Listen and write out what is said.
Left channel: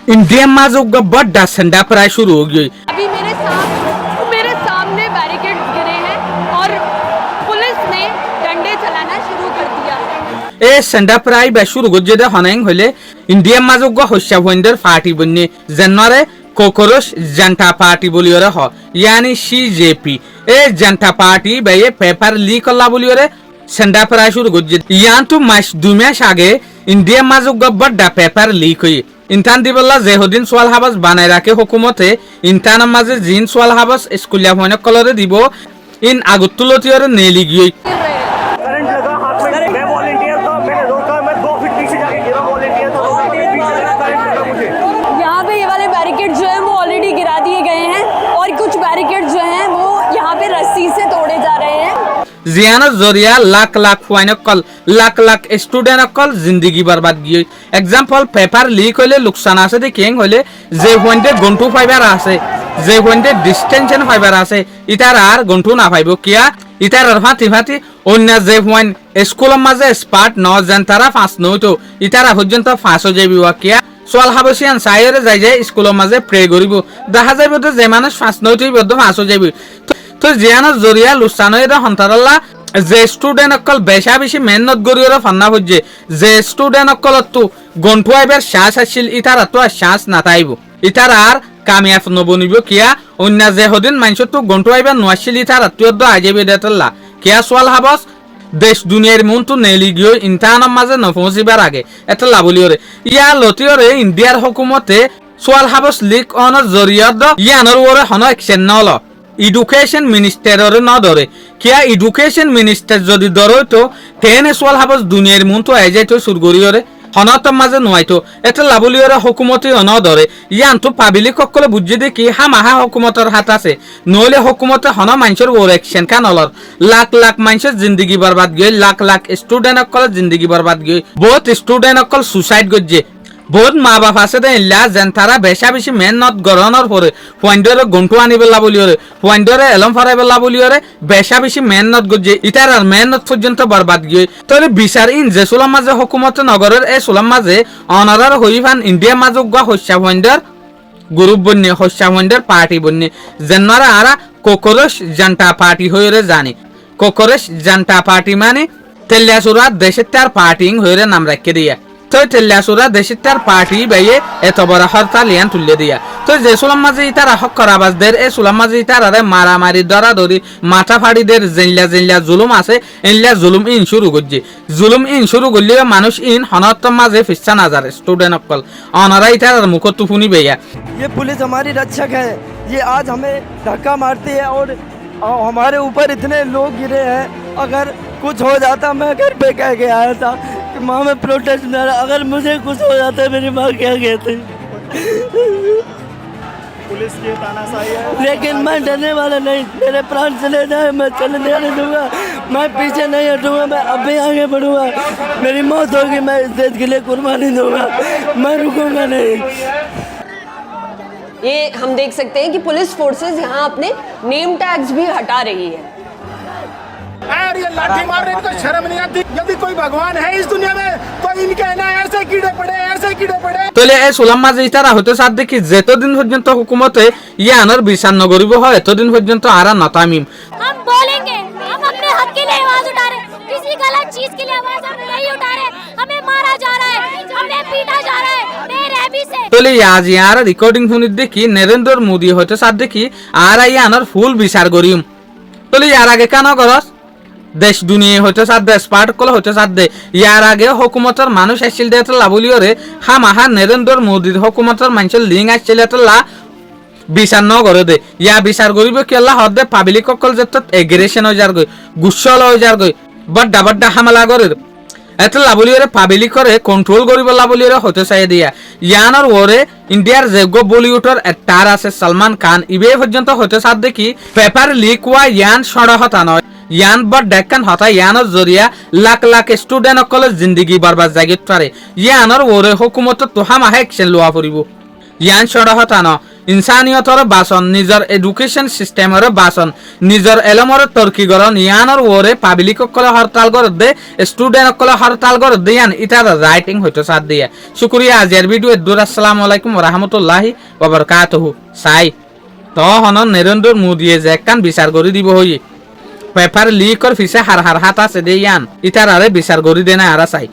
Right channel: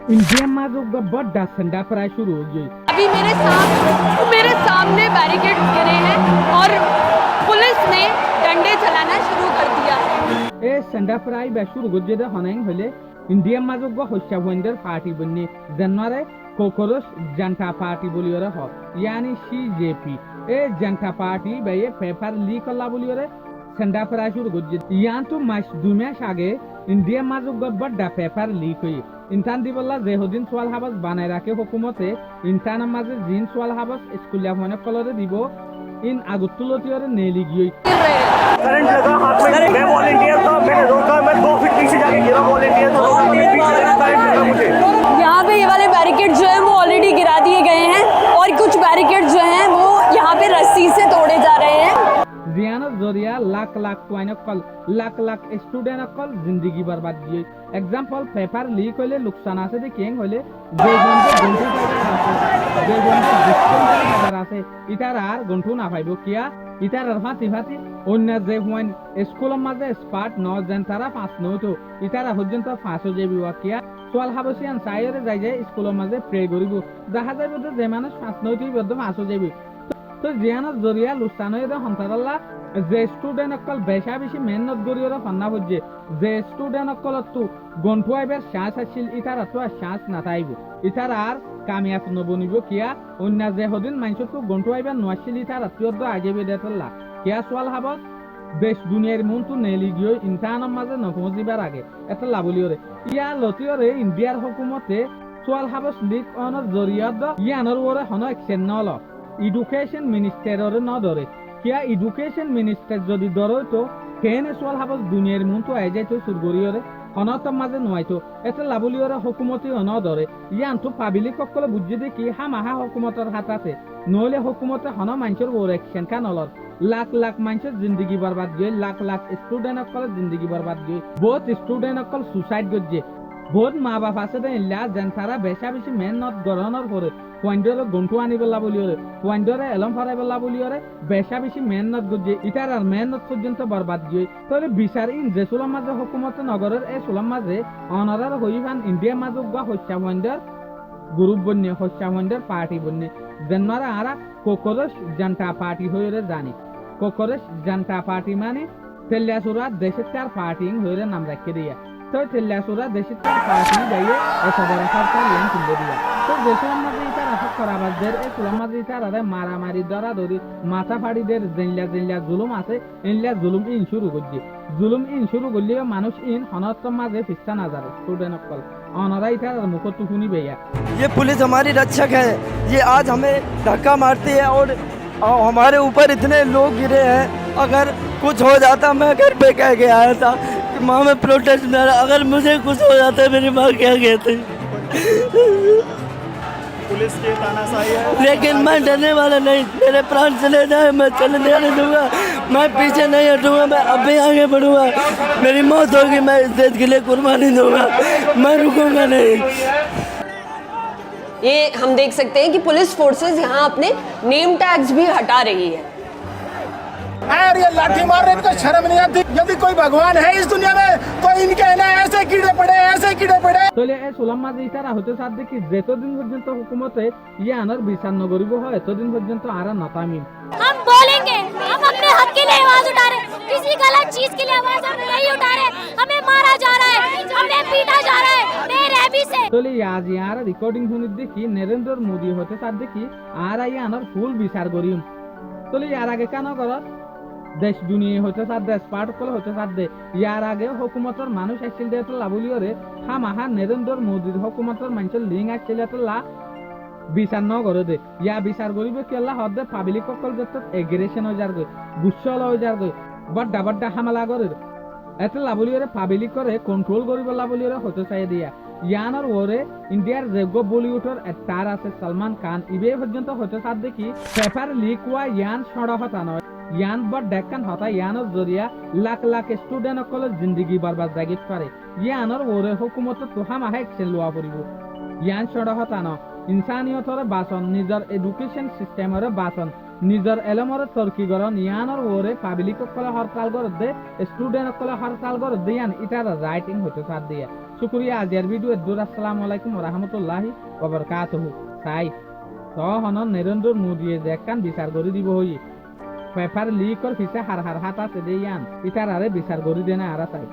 India माजोग बड़ा संडा प्राय शुरू हो गई। अभी मेरे सामने बैरिकेड्स गिरे हैं और पुलिस ने डंडे चलाना शुरू कर दिया है। ए संडा प्राय बे शुरू गज्जे हनाइंग होले इंडिया माजोग होशा वंडर पार्टी बन्ने जनरे कोकोरोस जनता पार्टी बोलियोरे हो यानी सीजेपी ए जनता पार्टी बे ये पेपर लीक अल्ला बोलियोरे संडा प्राय शुरू गज्जे यान तो मास दुमेश आगे इंडिया माजोग बड़ा पेपर लीक हुई इंटान दिबल्ला जेहुद्दीन सोयाल हाबास बानाय राखे हुकुमते इंटान माजे जिन सोयाल हाबास स्कुलिया होने कलरे दिबो इन आगुतुलतियोरे नेली गई। करंट लगा हाथ में, मैं वॉलंटियर था, मैंने रोका, मैं 2 फीट पीछे जाके गिरा, वॉलंटियर था, मेरे पीछे लगा, करंट लगा मुझे। यहाँ पे ये वाले बैरिकेड जो है वो ऑलरेडी गिरा दिए गए हैं और कुछ बैरिकेड जो हैं वो यहाँ पे रस्सी से तोड़े जा रहे हैं। जियानत जरिया लाख लाख फाइनकल लाख लाख स्टूडेंट अकल जिंदगी बर्बाद गई। एग्जांपल पेपर लीक होले नुकसान आसे दे केंग होले जे होंडे गंटू फाइबर आसे जे होंडे डिस्टेंशन फाइबर आसे इतार आर गंटू ना फाइबो किया इतार फाती फाती अन्य जे होन स्कूल माजे स्पार्ट न जनतारा फास न तो इतारा पर्यंत फास हो जाबि वा किया सोयाल हाबसियान सायरे जाय जाय स्कूल माजे प्रे करिबो দেখা যাইবো যে মানুষ ফাস ন তো বদ্ধ ফাস हो जाबि तो जियानत जरिया लुसानयरा हंतारल्ला जे स्टूडेंट अकल बेशा बेशी मेहनत गरियोरा फन्ना होजे जे स्टूडेंट अकल तो गंठु आइबार श्वास आसिल इतारा तो श्वास नाताइबो इतारा आर कामयाब नबनिबो किया अन्य जे हदिन मानसो तो गंठु आइबार नआसिल इतारा तो आजेबे देतल्ला किया सोयाल हाबस देश दुनियार मन तो नेली गयो इंटान माजे नफसिबार आगे एटा लाबलियोरे इया लतियोरे इंडियार हुकुमते सोयाल हाबस लीक ऑनर जरिया द यानर ओरे हनो एक्शन नलो एडुकेशन मिनिस्टर न धरे क्या एडुकेशन मिनिस्टर जदि धरो तो तेने सोयाल हाबस दुनियार मन तो आइ तो सुरगरियोरे हनत माजे नयतो एटा लाबलियोरे हुकुमते न धरे यान तो पाब्लिक सकले बुझे दे कि हामाहा हुकुमतर हाथ आछे नले हुकुमते हन मानसर ओर एक्शन का नलर लाख लाख मानसर जिंदगी बर्बाद गई लाख लाख स्टूडेंट सकल जिंदगी बर्बाद गई बहुत स्टूडेंट सकल सुसाइड गजे बहुत माँ बाप आसे दे इल्ला जनतारा बेशा बेशी मेहनत गरनर परे पॉइंटरे गंटु आनी बेला बोलियोरे पॉइंटरे एलम फराय बेला बोलियोरे बेशा बेशी मेहनत गजे इतार मेहनत पर्यंत बर्बाद गई तले बिचार इन जे सुलाम माजे हुकुमत नगरेर ए सुलाम माजे अनारार होइफान इंडिया माजो गा हस्या वंडर ग्रुप बन्ने हस्या वंडर पार्टी बन्ने जननारा आरा कोकोरस जनता पार्टी होइरे जाने कोकोरस जनता पार्टी माने तेल्यासुरा देशतार पार्टी होइरे नाम रखे दिया तो तेल्यासुरा देशतार पार्टी बेये एत बड़ा हड़ताल यान तुल्ले दिया तो जे सुलाम माजे इतारा हक कराबाज देर ए सुलाम माजे इतारा रे मारामारी दरादरी माथा फाड़ी देर जिल्ला जिल्ला जुलुम आसे इल्ला जुलुम इन शुरू गज्जे जुलुम इन शुरू गल्ले मानुष इन हनत माजे फिस्सा नजर स्टूडेंट अकल अनारा इतारा मुख तुफुनी बेया ये पुलिस हमारी रक्षक है ये आज हमें धक्का मारती है और हमारे ऊपर इतने लोग गिरे हैं अगर कुछ हो जाता मैं घर पे कह के आया था कि माँ मैं प्रोटेस्ट में अगर मुझे कुछ हो जाता मेरी माँ क्या कहती पुलिस की तानाशाही है लेकिन मैं डरने वाला नहीं मेरे प्राण चले जाए मैं चलने नहीं दूंगा मैं पीछे नहीं हटूंगा मैं अभी आगे बढ़ूंगा मेरी मौत होगी मैं इस देश के लिए कुर्बानी दूंगा मैं रुकूंगा नहीं। ये हम देख सकते हैं कि पुलिस फोर्सेस यहाँ अपने नेम टैग्स भी हटा रही है। यार ये लाठी मार रहे इनको शर्म नहीं आती। यदि कोई भगवान है इस दुनिया में तो इनके ना ऐसे कीड़े पड़े तले ए सुलाम माजे इतारा होते साथ देखि जेतदिन पर्यंत हुकुमते यानर बिचार न करिबो হয় এতদিন পর্যন্ত आरा नतामिम हम बोलेंगे हम अपने हक के लिए आवाज उठा रहे किसी गलत चीज के लिए आवाज हम नहीं उठा रहे हमें मारा जा रहा है हमें पीटा जा रहा है बेरहमी से तले आज यार रिकॉर्डिंग শুনি দেখি नरेंद्र मोदी होते साथ देखि आरा यानर ফুল বিচার করিম तले यार आगे কেন করস देश दुनिया होते साथ दे स्पार्ट कल होते साथ दे यार आगे हुकुमतर मानुष आइसिल दे तो लाबलियोरे हामाहा नरेंद्र मोदी हुकुमतर मानसर लिंक आइसिल तो ला বিচার ন করে দে ইয়া বিচার করিব কি আল্লাহ হদে পাবলিক সকল যেত এগ্রেশন হয়ে যার গই গুসল হয়ে যার গই বড় বড় হামলা করে এত লাবলিওরে পাবলিক করে কন্ট্রোল করিব লাবলিওরে হতে চাই দিয়া ইয়ানর ওরে ইন্ডিয়ার যোগ্য বলিউডর স্টার আছে সলমান খান ইবে পর্যন্ত হতে সাথ দেখি পেপার লিক ওয়া ইয়ান সড়হতা নয় यान बड़ डेक्कन होता यानर जरिया लाख लाख स्टूडेंट अकल जिंदगी बर्बाद जागित पारे यानर ओरे हुकुमत तो हम एक्शन लुआ परिबो यान सड़ा होता न ইনসানিয়তর বাসন নিজের এডুকেশন সিস্টেমের বাসন নিজের এলমর তর্কিগরণ ইয়ানোর ওরে পাবলিক কলে হরতাল করে দে স্টুডেন্ট কলে হরতাল করে দে ইয়ান ইটার রাইটিং হইতো সাথ দিয়ে শুকরিয়া আজের ভিডিও দূর আসসালামু আলাইকুম ওয়া রাহমাতুল্লাহি ওয়া বারাকাতুহু সাই তো হন নরেন্দ্র মোদিয়ে যে কান বিচার করে দিব হই পেপার লিকর ফিসে হার হাত আছে দে ইয়ান ইটার আরে বিচার করে দে না আর চাই